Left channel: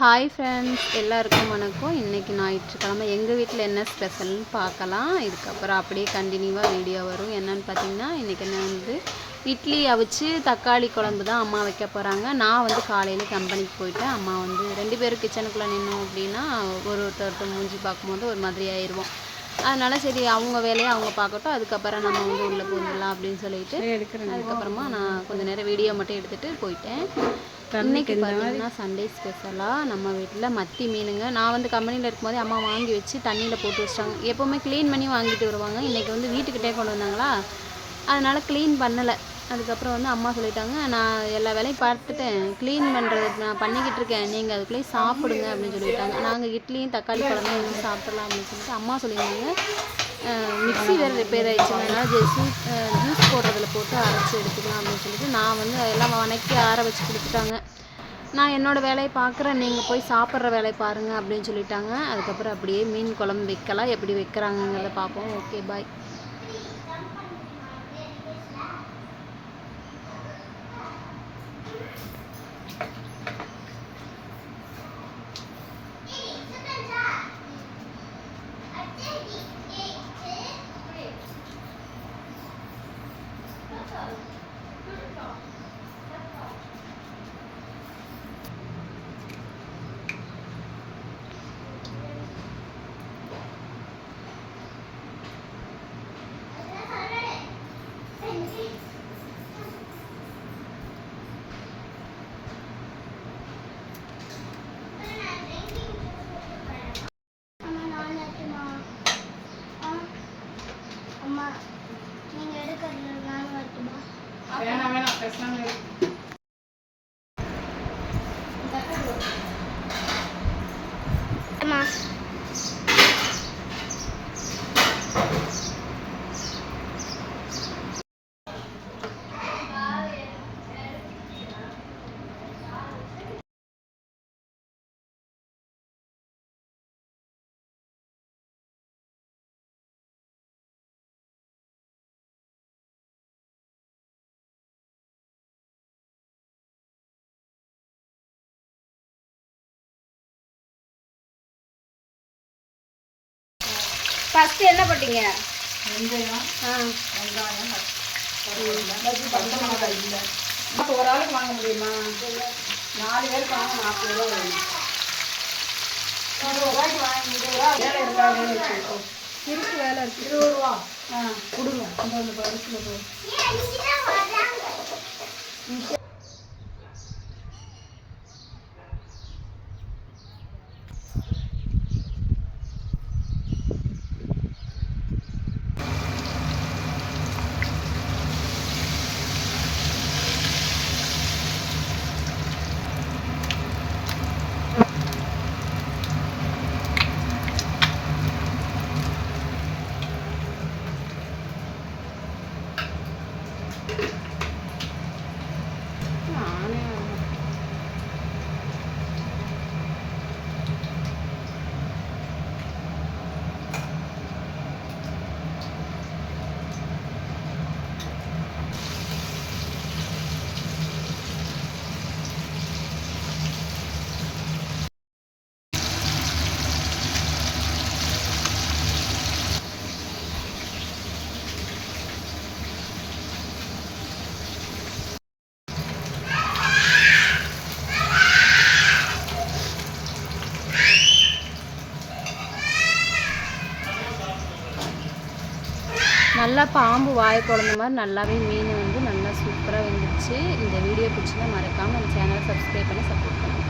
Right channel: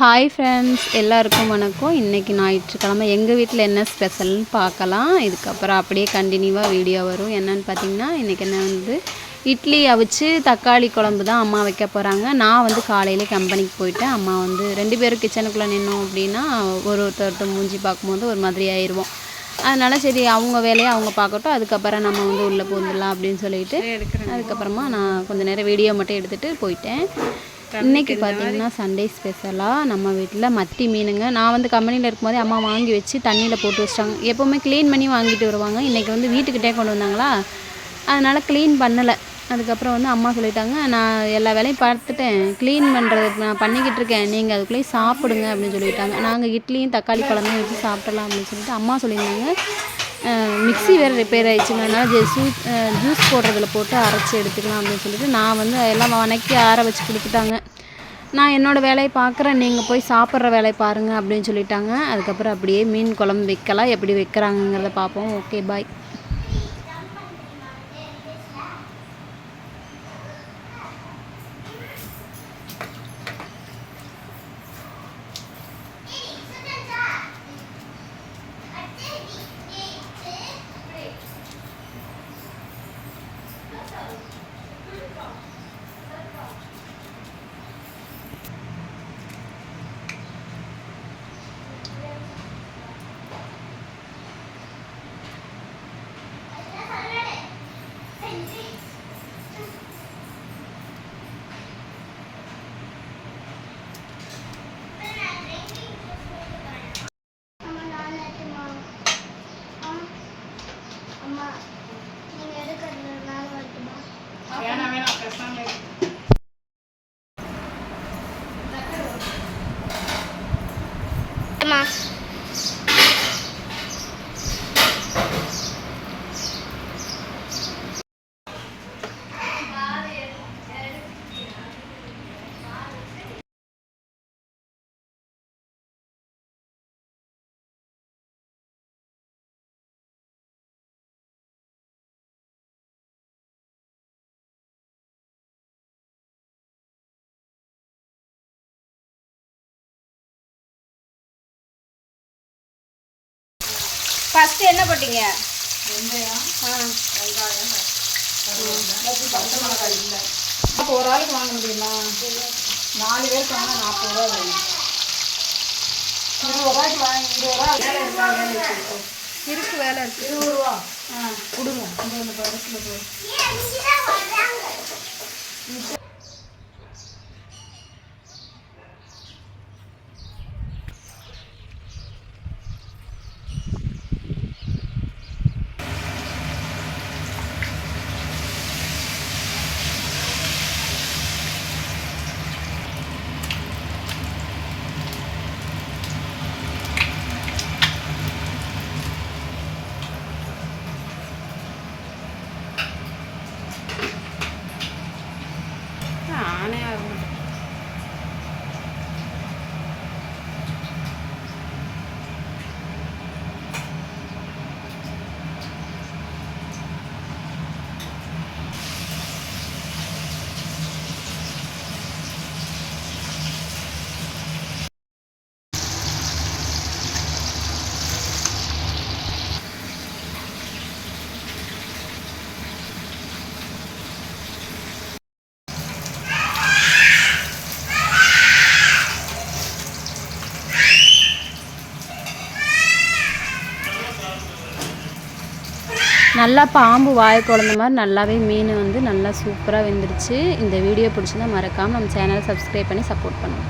Hi friends, எல்லாருக்கும் வணக்கம். இன்றைக்கி ஞாயிற்றுக்கிழமை எங்கள் வீட்டில் என்ன ஸ்பெஷல்னு பார்க்கலாம். இதுக்கப்புறம் அப்படியே கண்டினியூவாக வீடியோ வரும். என்னென்னு பார்த்தீங்கன்னா, இன்றைக்கி என்ன இட்லி அவிச்சு தக்காளி குழம்பு தான் அம்மா வைக்க போகிறாங்க. நான் காலையில் கம்பெனிக்கு போயிட்டேன். அம்மா 2 பேரும் கிச்சனுக்குள்ளே நின்னோம் அப்படின்னா ஒருத்தர் மூஞ்சி பார்க்கும்போது ஒரு மாதிரி ஆயிடுவோம். அதனால் சரி, அவங்க வேலையை அவங்க பார்க்கட்டும், அதுக்கப்புறம் நம்ம உள்ளே பூந்துடலாம் அப்படின்னு சொல்லிட்டு அதுக்கப்புறமா நான் கொஞ்சம் நேரம் வீடியோ மட்டும் எடுத்துகிட்டு போயிட்டேன். இன்றைக்கி பார்த்திங்கன்னா சண்டே ஸ்பெஷலாக நம்ம வீட்டில் மத்தி மீனுங்க. நான் கம்பெனியில் இருக்கும்போதே அம்மா வாங்கி வச்சு தண்ணியில் போட்டு வச்சிட்டாங்க. எப்போவுமே க்ளீன் பண்ணி வாங்கிட்டு வருவாங்க. இன்றைக்கி வீட்டுக்கிட்டே கொண்டு வந்தாங்களா, அதனால் க்ளீன் பண்ணலை. அதுக்கப்புறம் அம்மா சொல்லிட்டாங்க, நான் எல்லா வேலையும் பார்த்துட்டேன், க்ளீன் பண்ணுறது நான் பண்ணிக்கிட்டு இருக்கேன், நீங்கள் அதுக்குள்ளேயே சாப்பிடுங்க அப்படின்னு சொல்லிட்டாங்க. நாங்கள் இட்லியும் தக்காளி குழம்பும் வச்சு சாப்பிடலாம் அப்படின்னு சொல்லிட்டு அம்மா சொல்லியிருந்தாங்க. மிக்ஸி வேறு ரிப்பேர் ஆகிடுச்சுங்க, அதனால் ஜூஸ் போடுறதில் போட்டு அரைச்சி எடுத்துக்கலாம் அப்படின்னு சொல்லிட்டு நான் எல்லாம் வணக்கி ஆற வச்சு கொடுத்துட்டாங்க. நான் என்னோடய வேலையை பார்க்குறேன், நீங்கள் போய் சாப்பிட்ற வேலையை பாருங்கள் அப்படின்னு சொல்லிட்டாங்க. அதுக்கப்புறம் அப்படியே மீன் குழம்பு வைக்கலாம், எப்படி வைக்கிறாங்கங்கிறத பார்ப்போம். ஓகே, பாய். ஃபஸ்ட்டு என்ன போட்டீங்க? வெங்காயம். அப்போ ஒரு ஆளுக்கு வாங்க முடியுமா? 4 பேருக்கு வாங்க 40 ரூபா வேணும். 20 ரூபாய்க்கு வாங்க. 20 ரூபா வேலை இருக்கா? வேலை இருக்கு, வேலை இருக்குது. 20 ரூபா கொடுங்க. அந்த பரிசில் போய் நல்லா பாம்பு வாயை குழந்த மாதிரி நல்லாவே மீன் நல்லா சூப்பராக வெந்துருச்சு. இந்த வீடியோ பிடிச்சிருந்தா மறக்காமல் நம்ம சேனலை சப்ஸ்கிரைப் பண்ணி சப்போர்ட் பண்ணுங்கள்.